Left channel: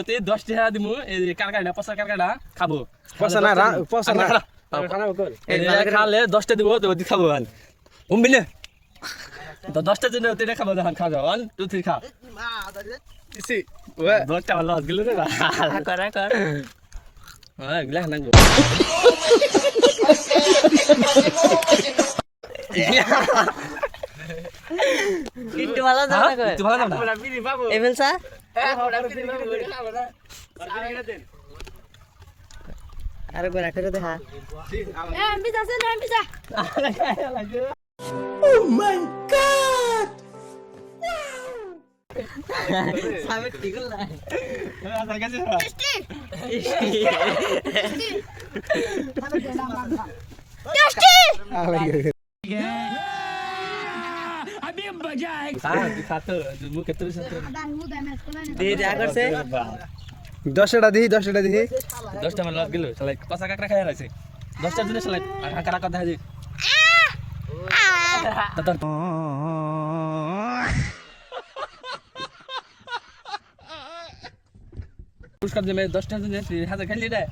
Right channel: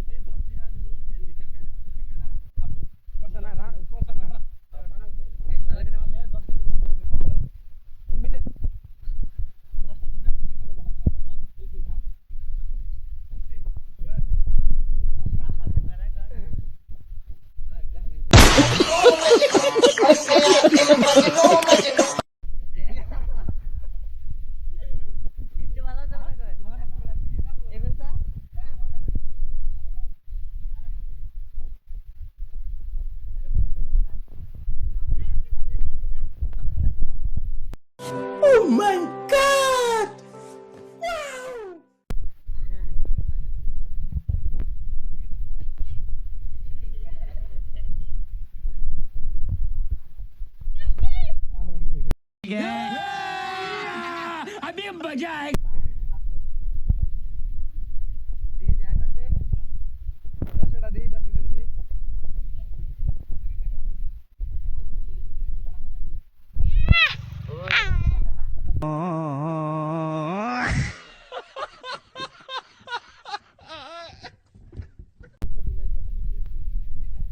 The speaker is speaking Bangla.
ওতে 10 টাকা দিমু এই কারকাটা পচা কারকাটা খাবো পচা না খানা কর এই খালে 10 টা দিব তো ওতে খাবো আন উমবিলে তো 10 টা জন্য ওতে খাবো দান খাও 1 2 3 খা ইসি ওয়া 10 টা লস গেল রে কর হ্যাঁ গলা না গো কিট্টু ভালো দাও না কই তুই ভালো না আমরা বিড়ি বাবু এভেলসা আমরা বিড়ি বাবু খাবো না আর গোরা করে দেখা সামনে ঠিক না अभी मजा आएगा खातो मुंह केतरी साथे दे दे करছে 10 টা দিহি 10 টা দিহি 10 টা মানে লস গেল শালা পচা কাকড়া খায় রাইছে 10 টার জন্য শালা কাকড়া কথা হাজি ততর পুরস্কার দে 10 টার জন্য 1000 খাইলি রে